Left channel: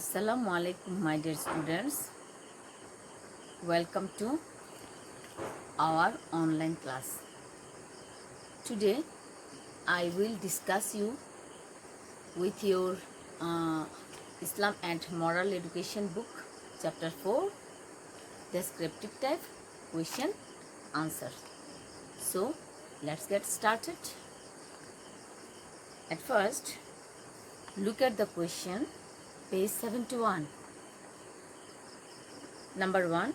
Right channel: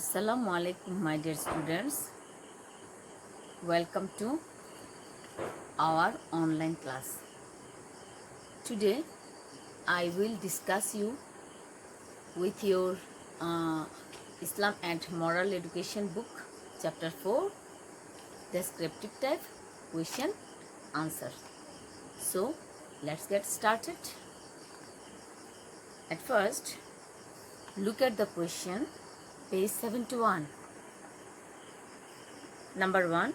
Assalamu alaikum, my dear students. Welcome to our online class. Today, I will discuss you with your Islam and Moral Education book, Chapter 4, Descriptive Type, Question, Answer. So, let's get started. At first, look at the question, page 71. Number 1.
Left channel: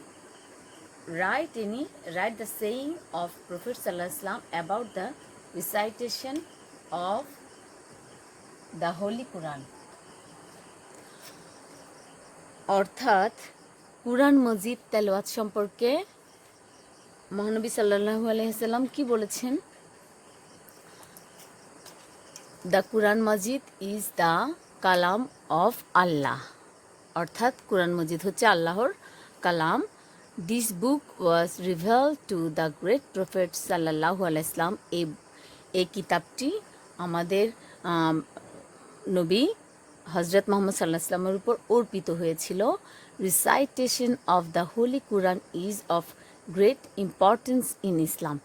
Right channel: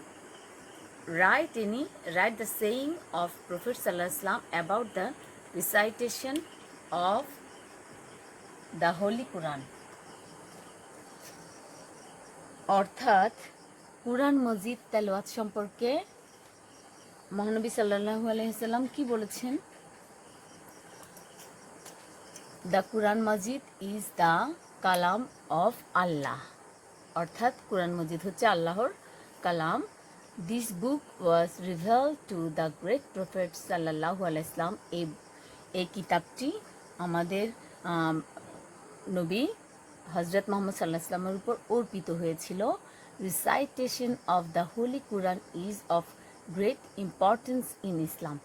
Write the saying of Prophet ﷺ about the recitation of the Holy Quran. অর্থাৎ কুরআন মজিদ তেলাওয়াত সম্পর্কে মহানবী সাল্লাল্লাহু আলাইহি সাল্লাম কি বলেছেন? The Quran Majid is the কালাম অফ আল্লাহ। অর্থাৎ কুরআন মজিদ হচ্ছে আল্লাহর কালাম। This book was revealed to the great prophet sallallahu alaihi wasallam. এই কিতাবটি আমাদের নবী হযরত মুহাম্মদ সাল্লাল্লাহু আলাইহি ওয়াসাল্লামের উপর অর্পিত হয়েছিল। Recitation of the Holy Quran is of great importance in Islam.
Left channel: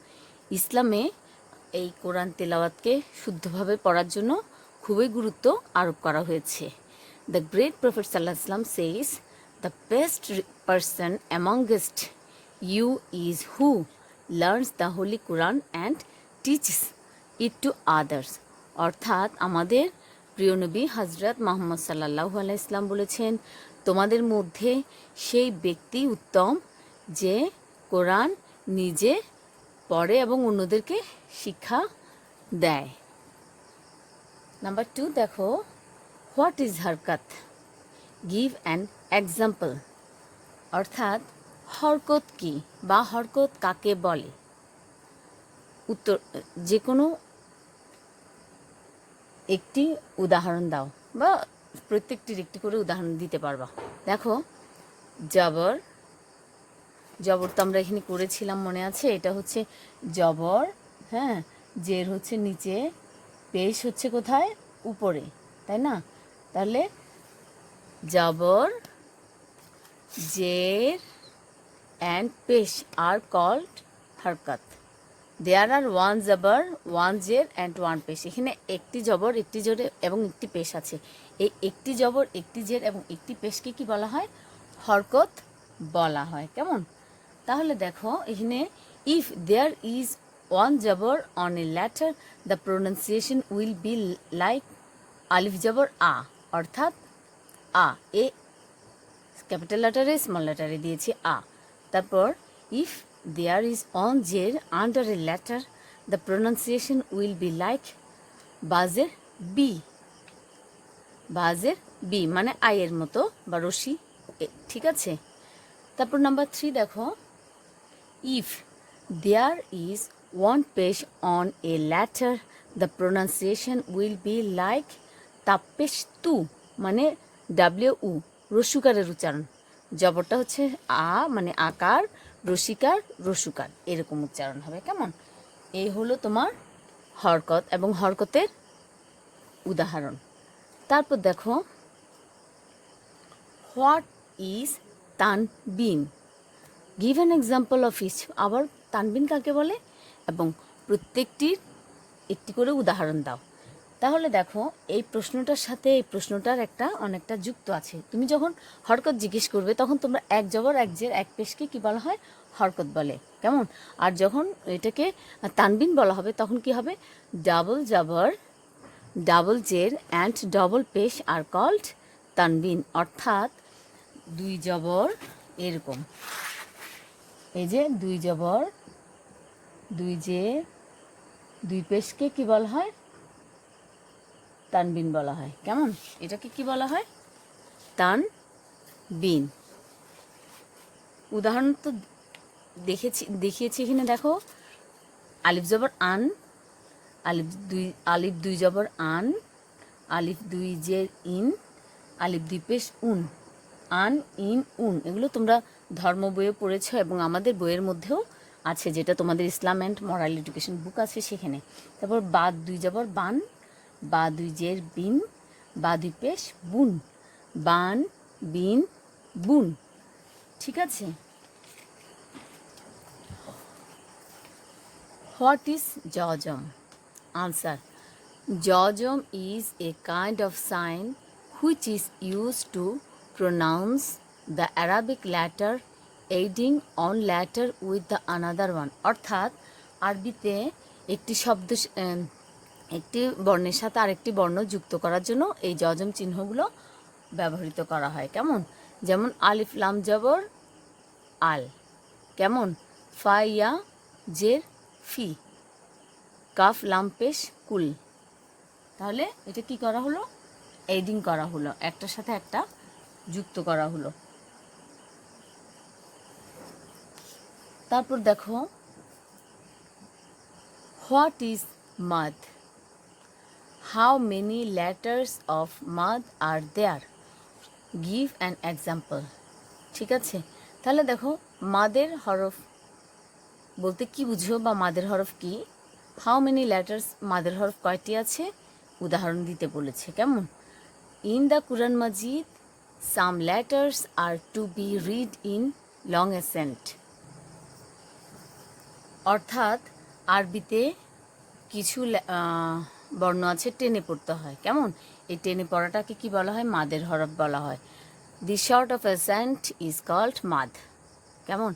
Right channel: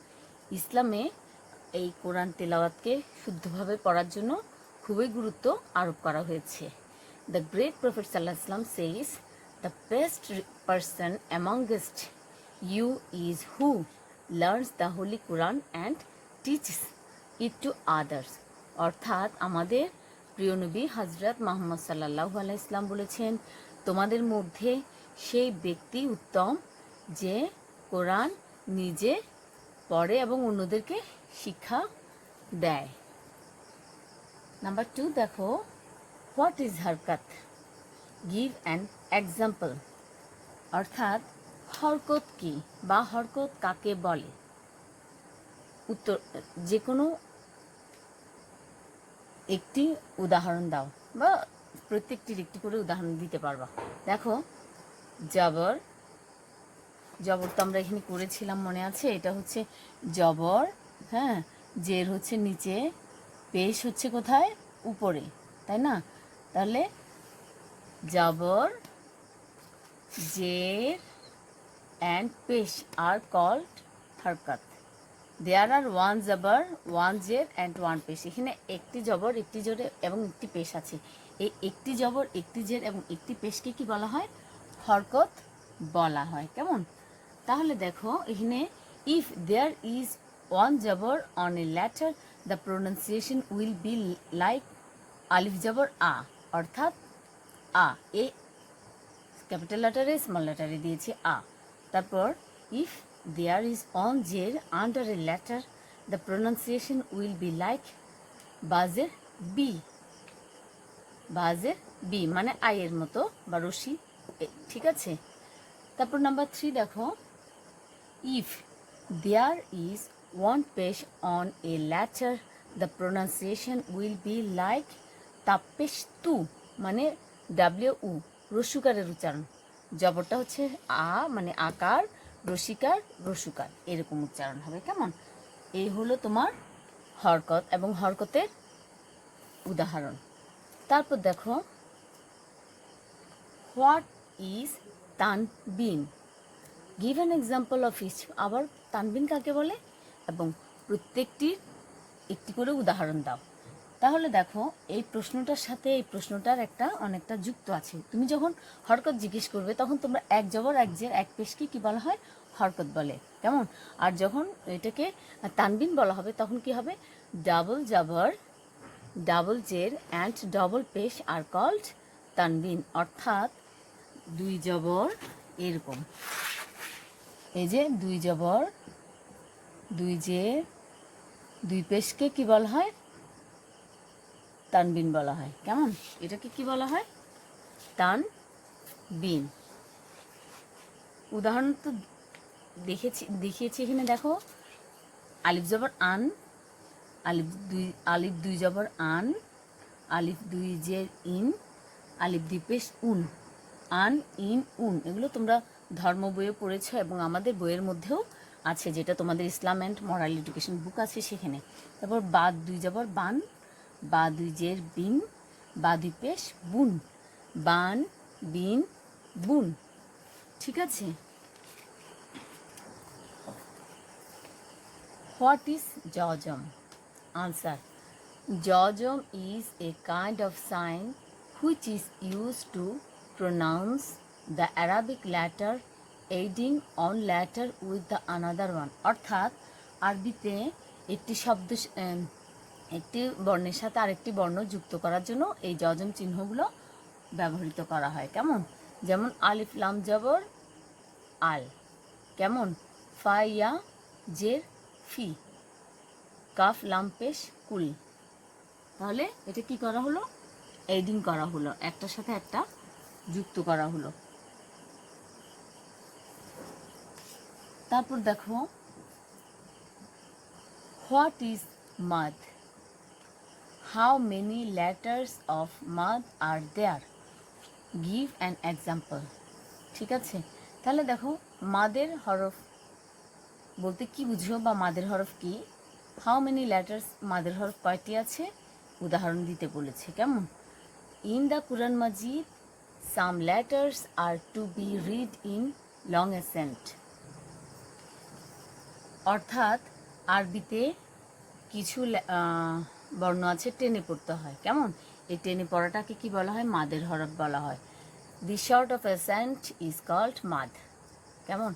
ইসলামে এই কোরআন তেলাওয়াতকে শুদ্ধভাবে পড়ার জন্য খুবই গুরুত্ব আরোপ করা হয়েছে। The great prophet sallallahu alaihi wasallam says, the best person amongst you is who learns the Holy Quran and teaches it to others. অর্থাৎ আমাদের প্রিয় নবী হযরত মুহাম্মদ সাল্লাল্লাহু আলাইহি সাল্লাম বলেছেন, তোমাদের মধ্যে সেই ব্যক্তি উত্তম যে কোরআন নিজে পড়ে এবং অন্যদেরকে শিক্ষা দেয়। নাম্বার 2 দেখো, হোয়াট ইজ হরকত? Give an example. অর্থাৎ হরকত কি বা হরকত কাকে বলে? উত্তর, যে কোনো একটি উদাহরণ দাও বা প্রত্যেকটির একটি করে উদাহরণ দিতে পারবা। দেখো, জবর তো আমরা এখানে করেছিলাম, মনে আছে? এটা হচ্ছে জবর, হ্যাঁ। জের হচ্ছে নিচে, পেশ হচ্ছে কোথায়? উপরে, তাই না? তাহলে জবর, জের and pesh are called harkat. There are one জবর, one জের and one পেশ. এখানে একটি জবর, একটি জের এবং একটি পেশ আছে। এই একটি জবর, একটি জের এবং একটি পেশকে কি বলা হয়? হরকত বলা হয়। কেমন? তাহলে দেখো এখানে, if there is one জবর on a letter, the pronunciation will be like আলিফ জবর আ। অর্থাৎ আ, এ ক্যাপিটাল লেটারে স্মল লেটারে দিয়েছি আ। তারপর if there is one জের under a letter, the pronunciation will be like বাজের বি। বাজের বি মানে আয়ের মতো বা রশি, ঠিক আছে? তারপর নাম্বার 3 দেখো, if there is one page on a letter, the pronunciation will be like Tapesh তু মানে ডাব্লিউ, রস্যুকারের উচ্চারণ। জবরটা হচ্ছে আ মানে আকার, রসিকার, রসুকার, এরকম উচ্চারণ হবে। কেমন? এই হলো তোমার হরকত এবং হরকতের উদাহরণ। তারপর দেখো, হোয়াট ইজ তানবিন? Give an example of each. আবার তানবিন কাকে বলে এবং প্রত্যেকটির একটি করে উদাহরণ দাও। তাহলে দেখো, এই প্রশ্নটার সাথে এই প্রশ্নটার অনেকটা যুক্ত আছে। তুমি যখন হরকত জিজ্ঞেস করবে তখন তোমরা এক জবর, এক জের, এক পেশকে কি বলা হয়? হরকত বলে। কেমন? আর যখন এটাকে তানবিন বলা হবে তখন কি হবে? ডাবল জবর, ডাবল জের অ্যান্ড ডবল পেশ আর কল্ড তানবিন। অর্থাৎ দুই জবর, এরকম, এই যে দুই জবর, দুই জের, দুই পেশকে কি বলা হয়? তানবিন বলা হয়। কেমন? এটাকে কি বলা হয়? তানবিন। উদাহরণ তো দেখিয়েছি এখানে। দেখো, আলিফ জবর আন, আলিফ দুই জবর আন, আলিফ দুই জের ইন, আলিফ দুই পেশ উন, আন, ইন, উন। এগুলো তোমরা ধর্ম বইয়ে পড়েছ এবং আমাদের বইয়ের মধ্যেও আছে, যেটা তোমাদের ইসলাম অ্যান্ড মরাল এডুকেশন বুক আছে সেখানে। তারপর বাদ দুই জবর বান, বা দুই জের বিন, বা দুই পেশ বুন, বান, বিন, বুন। ঠিক আছে। হোয়াট ইজ জজম? আনসার: জজম is a kind of sign which is used to pronounce the Arabic letter aiding on letter with the another one. অর্থাৎ আরবিতে একটি শব্দ একটি বর্ণের সাথে আরেকটি বর্ণ যুক্ত করার জন্য এই জজম চিহ্নগুলো ব্যবহৃত করা হয়। কেমন? যেমন আলিফ লাম জবর আল, কেমন? ফা ইয়া জের ফি, কাফ লাম পেশ কুল। তাহলে এটা কি করা হলো? এডিং করা হলো, একটার সাথে একটা যুক্ত করা হলো। তারপর দেখো, হোয়াট ইজ মাদ? হাউ মেনি লেটার্স অফ মাদ are there? Give an example. ঠিক আছে। তাহলে দেখো, মাদের হরফ বলতে কি বুঝো বা মাদের হরফ কি? হাউ মেনি লেটার্স, মাদের হরফ কয়টি আছে উদাহরণ দিতে বলেছে। কেমন? In the Quran Majid some letters are to be read in long ascent. অর্থাৎ আরবিতে কিছু বর্ণ আছে টেনে পড়তে হয়। কেমন? এই টেনে পড়াটাকে কি বলা হয়? মাদের হরফ বলা হয়। The short of accent is called মাদ। কেমন?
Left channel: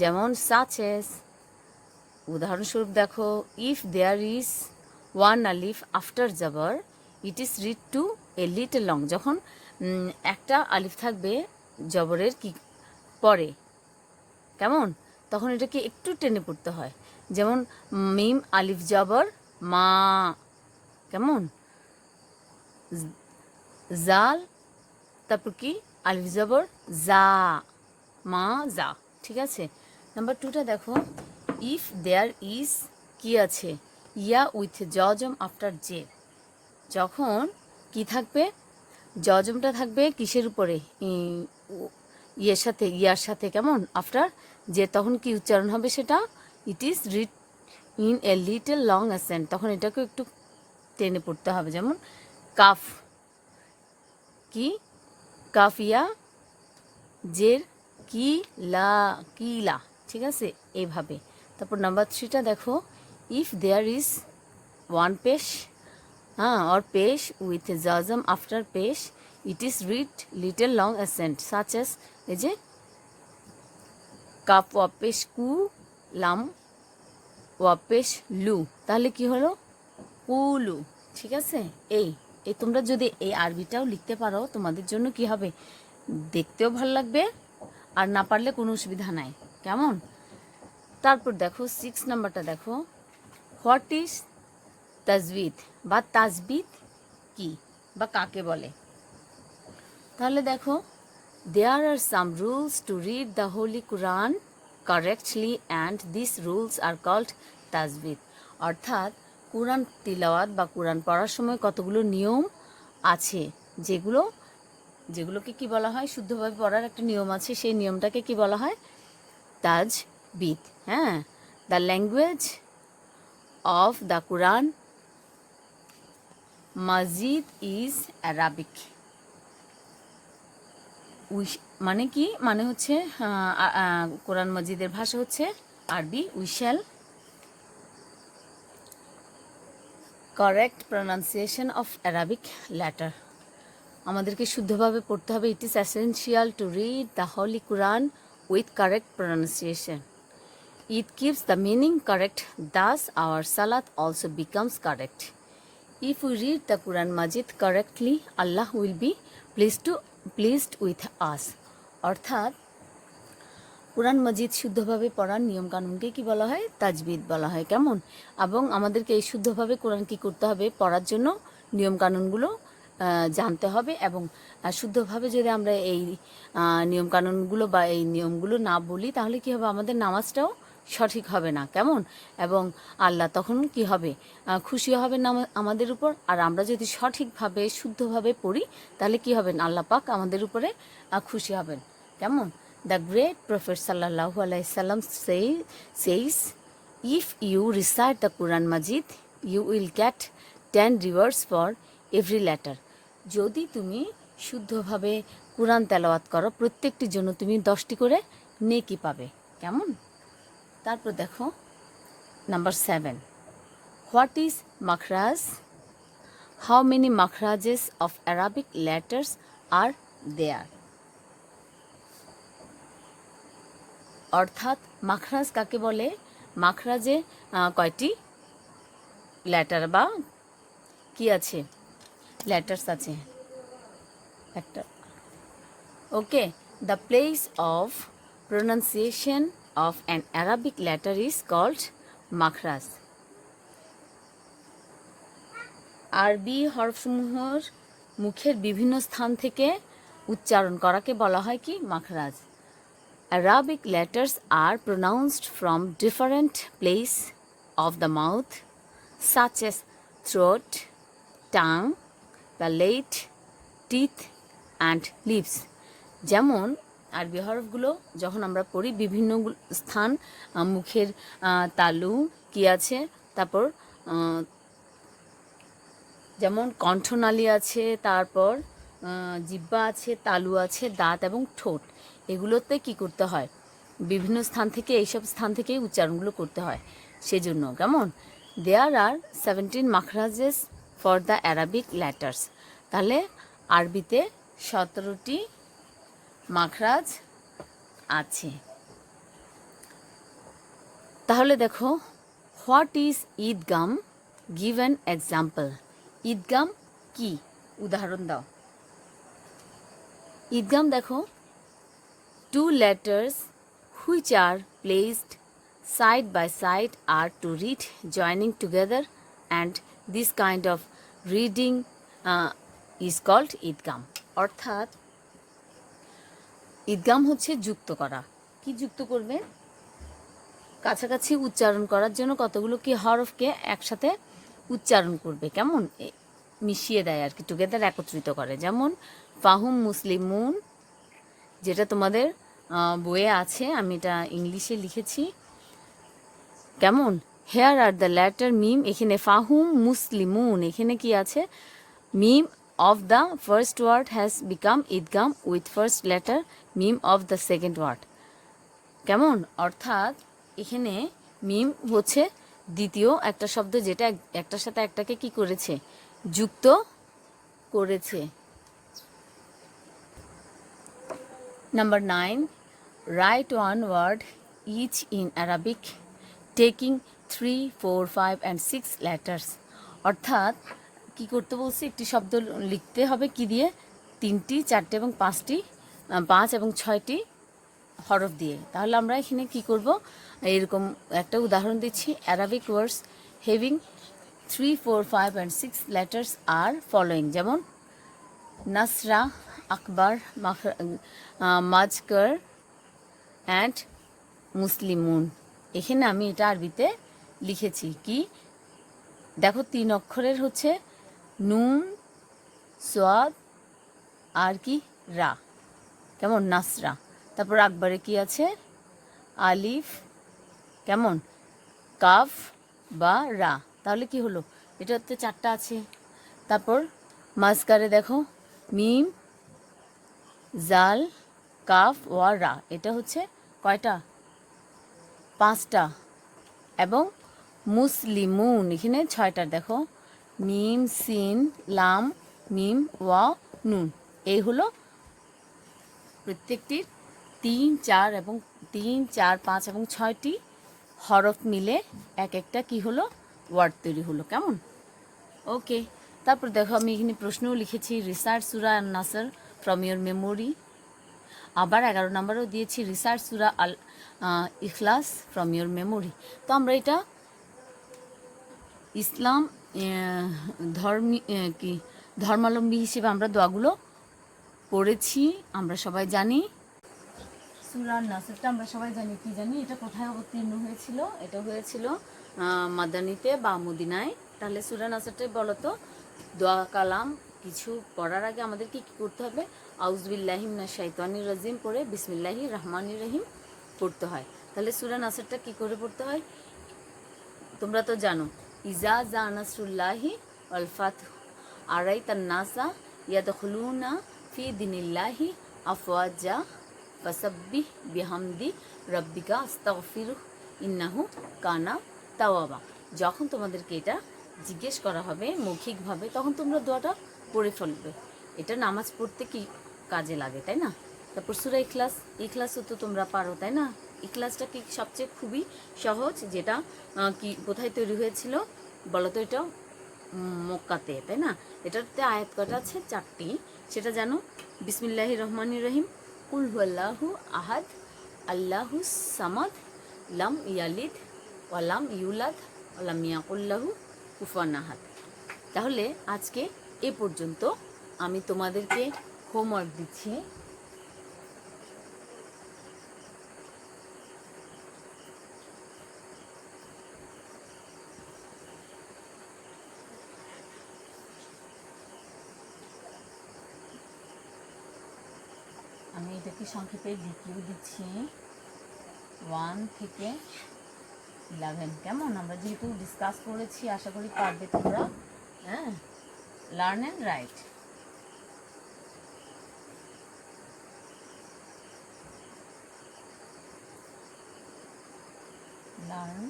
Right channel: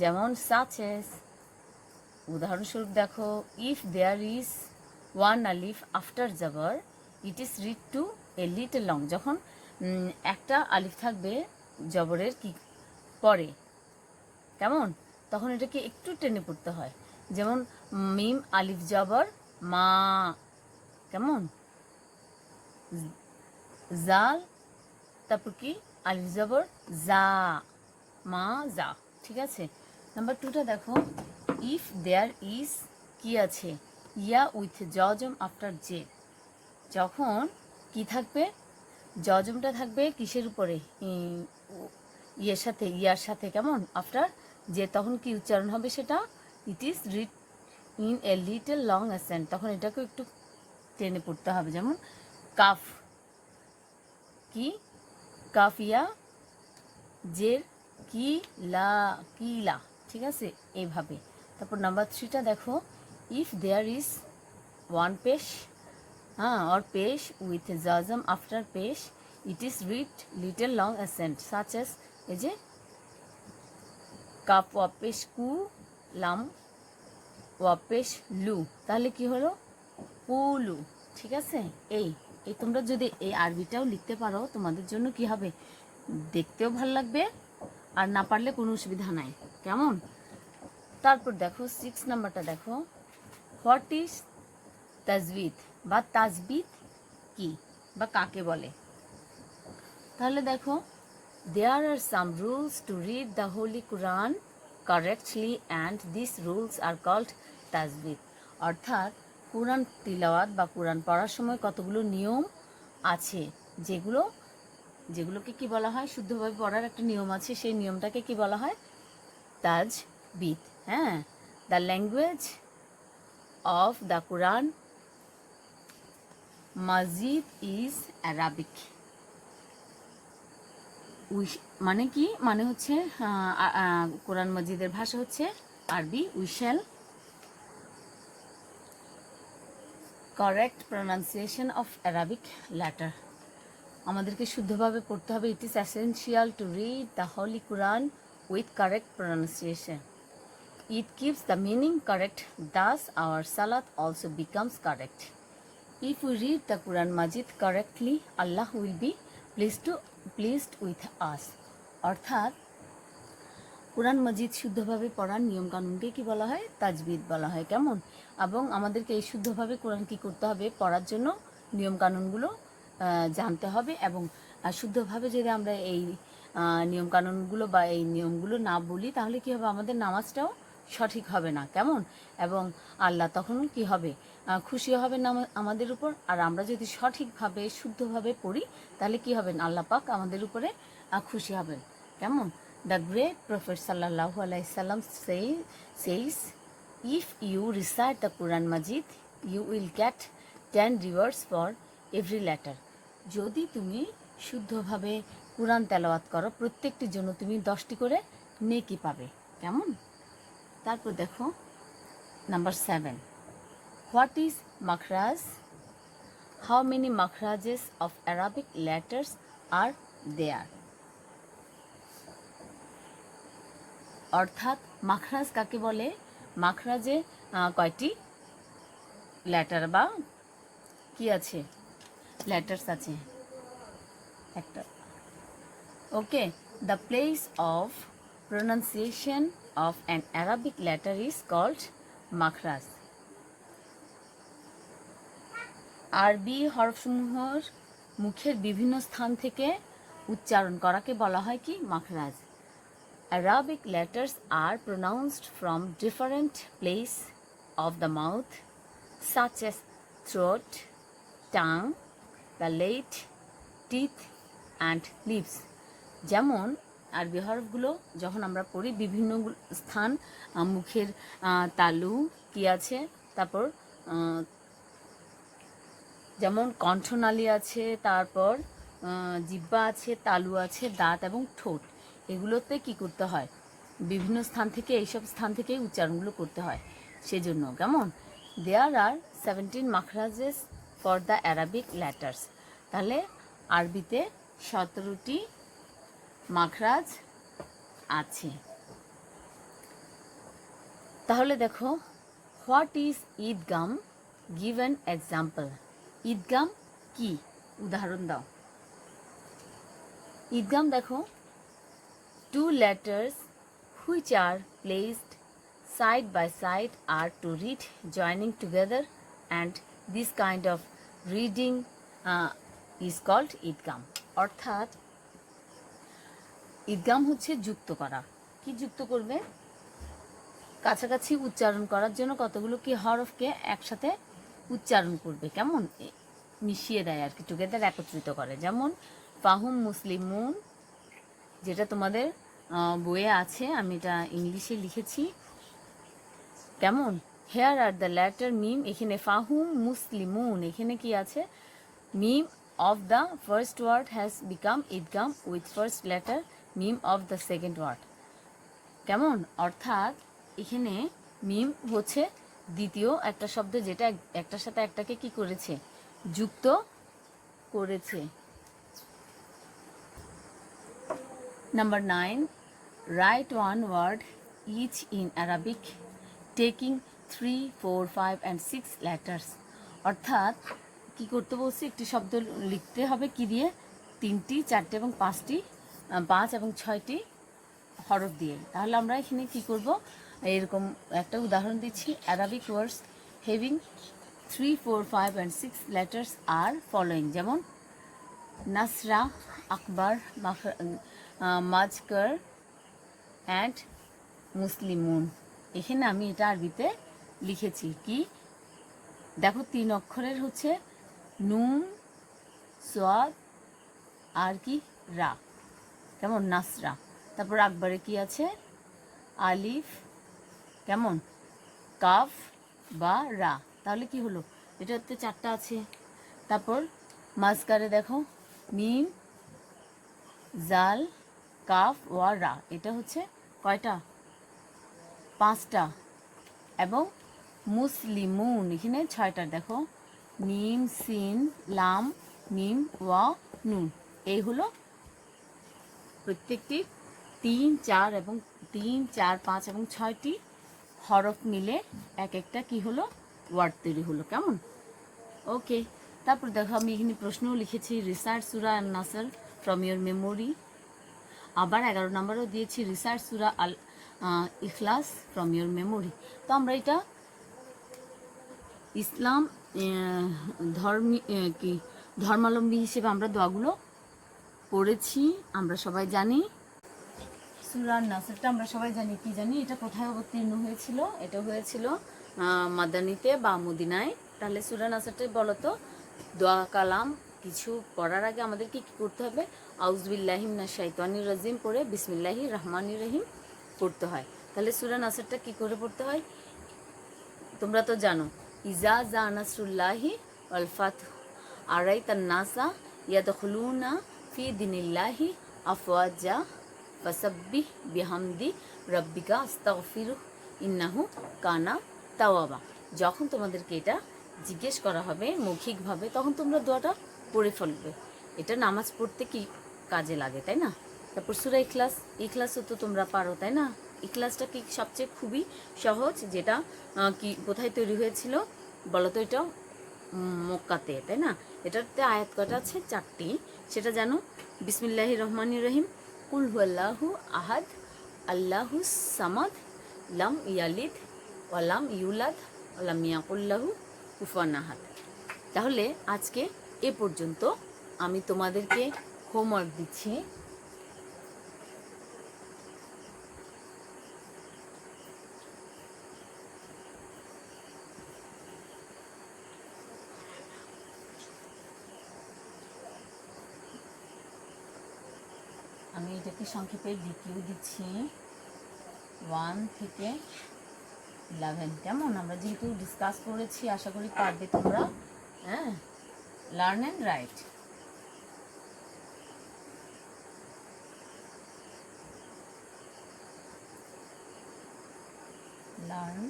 যেমন সাচ এস, উদাহরণস্বরূপ দেখো, ইফ দেয়ার ইজ ওয়ান আলিফ আফটার জবর it is read to a little long. যখন একটা আলিফ থাকবে জবরের কি পরে, কেমন? তখন এটাকে একটু টেনে পড়তে হয়। যেমন মিম আলিফ জবর মা, কেমন? জাল, তারপর কি আলিফ জবর জা, মা জা। ঠিক আছে। নাম্বার 2টা দেখো, ইফ দেয়ার ইজ কি আছে? ইয়া উইথ জজম আফটার জে। যখন কি থাকবে? জজমটা থাকবে কিসের উপরে? ইয়ের সাথে, ইয়ার সাথে। কেমন? আফটার যে, তখন কি উচ্চারণ হবে সেটা? ইট is read in a little long accent. তখন এটাকে একটু টেনে পড়তে হবে। যেমন কাফ, কি কাফিয়া জের কি লা, কিলা। ঠিক আছে, এইভাবে। তারপর নাম্বার 3টা দেখো, ইফ দেয়ার ইজ ওয়ান পেশ or পেশ উইথ জজম আফটার পেশ ইট is read little long accent such as, এই যে কাপ ওয়াপেশ কু, লাম ওয়াপেশ লু। তাহলে কি হলো? কুলু। ঠিক আছে। এই তোমরা যদি এই আরবিটাও লিখতে পারো তোমাদের জন্য কি হবে? দেখতেও ভাল লাগবে, আর না পারলে কোনো অসুবিধা নাই। কেমন? তারপর দেখো 6 নাম্বারটা দেখো, হোয়াট ইজ তাজবিদ বা তাজবিদ কি বা কাকে বলে? তাহলে দেখো, there are some rules to read the holy Quran correctly and this rules are called তাজবিদ। অর্থাৎ কুরআন তিলাওয়াত বা কুরআন পড়ার সময় কতগুলো নিয়ম আছে, যেগুলোকে কি বলা হয়? শুদ্ধভাবে পড়ার একটা নিয়ম আছে, সেই নিয়মটাকে কি বলা হয়? তাজবিদ। হ্যাঁ, the language of the Quran Majid is Arabic. মানে কি? মানে হচ্ছে কোরআন মাজিদের ভাষা হচ্ছে আরবি। We shall correct pronunciation of Arabic letter. আমাদেরকে শুদ্ধভাবে পড়তে হবে। It is essential to read the holy Quran with correct pronunciation. It keeps the meaning correct, thus our সালাত also becomes correct. If we read the Quran Majid correctly, Allah will be pleased with us. অর্থাৎ কোরআন মাজিদ শুদ্ধভাবে পড়ার নিয়ম কানুনকে কি বলা হয়? তাজবিদ বলা হয়। কেমন? এবং আমাদেরকে এই শুদ্ধভাবে কোরআন কি করতে হবে? পড়ার জন্য নিয়ম কানুনগুলো জানতে হবে। এবং শুদ্ধভাবে যদি আমরা এই নিয়ম কানুনগুলো বা এই নিয়মগুলো না বলি, তাহলে কি হবে? আমাদের নামাজটাও সঠিক হবে না। কেমন? এবং আল্লাহ তখন কি হবে? খুশি হবেন না আমাদের উপর। আর আমরা যদি সঠিকভাবে শুদ্ধভাবে পড়ি, তাহলে কি হবেন? আল্লাহ পাক আমাদের উপরে খুশি হবেন। কেমন? The great Prophet sallallahu alaihi wasallam says, if you recite the Quran Majid, you will get 10 rewards for every letter. যদি তুমি শুদ্ধভাবে কুরআন তেলাওয়াত করো, প্রত্যেকটির জন্য তুমি 10টি করে নেকি পাবে। কেমন? তারপর দেখো নাম্বার 7, হোয়াট ইজ মাখরাজ? হাউ মেনি মাখরাজেস of Arabic letters are there? অর্থাৎ মাখরাজ কাকে বলে? মাখরাজে কয়টি লেটার বা কি আছে, লেটার্স আছে একটা। Okay, the place of pronunciation of an Arabic letter is called মাখরাজ। আরবি হরফসমূহের মুখের বিভিন্ন স্থান থেকে উচ্চারণ করাকে বলা হয় কি? মাখরাজ। Arabic letters are pronounced from different places of the mouth, such as throat, tongue, palate, teeth, and lips. যেমন আরবি হরফগুলো যখন আমরা পড়ি বিভিন্ন স্থান মুখের তালু কি আছে, তারপর যেমন কণ্ঠনালী আছে, তারপর জিহ্বা আছে, তালু আছে, দাঁত এবং ঠোঁট, এগুলোতে কি করতে হয়? বিভিন্ন স্থান থেকে, এইসব স্থান থেকেই উচ্চারণগুলো করতে হয়। সেজন্য কেমন, দেয়ার আর 17 মাখরাজেস ফর দ্য অ্যারাবিক লেটার্স। তাহলে আরবিতে 17টি মাখরাজ আছে। তাহলে দেখো, হোয়াট ইজ ঈদগাম? Give an example. ঈদগাম কি? উদাহরণ দাও। ঈদগাম দেখো, two letters which are placed side by side are to read joining together, and this kind of reading is called idgham. অর্থাৎ ঈদগাম হচ্ছে যুক্ত করা। কি যুক্ত করবে? কাছাকাছি উচ্চারণ করার জন্য কতগুলো কি হরফকে একসাথে উচ্চারণ করবে, কেমন মিশিয়ে দেয় আর কি, টুগেদার একত্রিত করে। যেমন ফাহুম মুসলিমুন, যেটা তোমাদের বইয়ে আছে, আমি এটা ইংলিশে লিখেছি। কেমন? হেয়ার আর দ্য লেটার মিম, এখানে ফাহুম মুসলিমুন, এখানে কি আছে? মিম of the first word has become ঈদগাম উইথ ফার্স্ট লেটার মিম অফ দ্য সেকেন্ড ওয়ার্ড। কেমন? অর্থাৎ এখানে মিম হচ্ছে দ্বিতীয় একটা শব্দ, যেটা একটার সাথে একটাকে কি করেছে? যুক্ত করেছে। Number 9, write one word each in Arabic taking 3, 4, 5 and 6 letters. অর্থাৎ কি করতে বলছে? একটি শব্দ লিখতে হবে কি দিয়ে? 3টি, 4টি এবং 5টি, 5 এবং 6টি হরফ দিয়ে। তাহলে আমরা এখানে কি করব? এরকম একটা উদাহরণ দিচ্ছি। Arabic words having 3, 4, 5 and 6 letters are following. যেমন নাসরা, আকবর, মাজকর অ্যান্ড মুসলিমুন। এখানে আমি এটা আরবিতে লিখেছি কি? দেখো 3 অক্ষরের হচ্ছে নুন, সোয়াদ আর কি রা, কেমন? নাসরা। তারপর আকবরে কি আছে? আলিফ, কেমন? কাফ বা রা। তাহলে কি হলো? এটা হচ্ছে 4টা আছে। তারপর মাজকারে দেখো মিম, জাল, কাফ ওয়া রা, এটা হচ্ছে কয়টা? 5টা। এবং মুসলিমুন এখানে 6টা। দেখো মিম, সিন, লাম, মিম, ওয়া, নুন। এই হলো প্রত্যেকটির 3, 4 এবং 3, 4, 5 এবং 6টি হরফ মিলে এক একটা কি হলো? ওয়ার্ড তৈরি হলো। কেমন? ওকে। তারপর দেখো আমি এখানে প্রশ্নও লিখেছি, রিসার্চ সূরা আন-নাসর ফ্রম ইয়োর মেমোরি। আবার 11 নম্বরও দিয়েছি, research Surah Al Ikhlas from your memory. তো আমরা এটা ইসলাম ধর্মাবলম্বী হিসেবে আমরা দোয়াগুলো পড়েছি, আমরা সবাই জানি। সূরা আন-নাসরটা আমরা সবাই জানি, কি জানি এটা কোথায় অবতীর্ণ হয়েছিল? এটা হয়েছিল মাদানীতে বা মদিনায়। তাহলে সূরা আন-নাসরটা বলো তো, দোয়া কালাম কিছু পড়ার আগে আমাদের কি করতে হবে? আউযুবিল্লাহি মিনাশ শাইতানির রাজিম পড়ে বিসমিল্লাহির রহমানির রহিম পড়তে হয়। তাহলে সূরা নাসরটা কি করে পড়তে হয়? তোমরা তো জানো, ইজা জা নাসরুল্লাহি ওয়াল ফাতহু আরাইতান নাসা ইয়াদখুলুনা ফি দিনিল্লাহি আফওয়াজা ফাসাব্বিহ বিহামদি রাব্বিকা আস্তাগফিরুহ ইন্নাহু কানা তাওয়াবা। যখন তোমাদেরকে এটা জিজ্ঞেস করা হবে মৌখিকভাবে, তখন তোমরা দোয়াটা পড়ে ফেলবে। এটা নামাজ পড়তে কি কাজে লাগে, তাই না? তারপর সূরা ইখলাস, ইখলাসও তো তোমরা পারো, তাই না? ইখলাসটা কি সবচেয়ে খুবই সহজ, যেটা কি কোথায় তৈরি হয়েছিল বলো তো? এটা মক্কাতে, তাই না? এটাতে আয়াত কটা আছে? 4টি। সেটা জানো? বিসমিল্লাহির রহমানির রহিম, কুল হুয়াল্লাহু আহাদ আল্লাহু সামাদ লাম ইয়ালিদ ওয়ালাম ইউলাদ ওয়ালাম ইয়াকুল্লাহু কুফুয়ান আহাদ। তাহলে আজকে এ পর্যন্ত। আমি তোমাদেরকে হোমওয়ার্ক দিচ্ছি। আমি এটাকে সংক্ষেপে লিখেও দিচ্ছি 1 থেকে 11। কেমন? আমরা যেহেতু ডিসকাস করেছি, আশা করি পারবে তোমরা। হ্যাঁ, লার্ন অ্যান্ড রাইট। লার্ন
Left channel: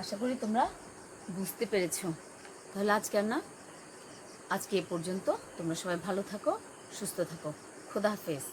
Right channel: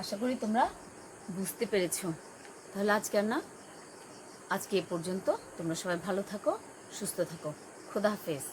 আশা করি তোমরা বুঝতে পেরেছো। তাহলে আজকে এ পর্যন্ত। তোমরা সবাই ভালো থাকো, সুস্থ থাকো। খোদা হাফেজ।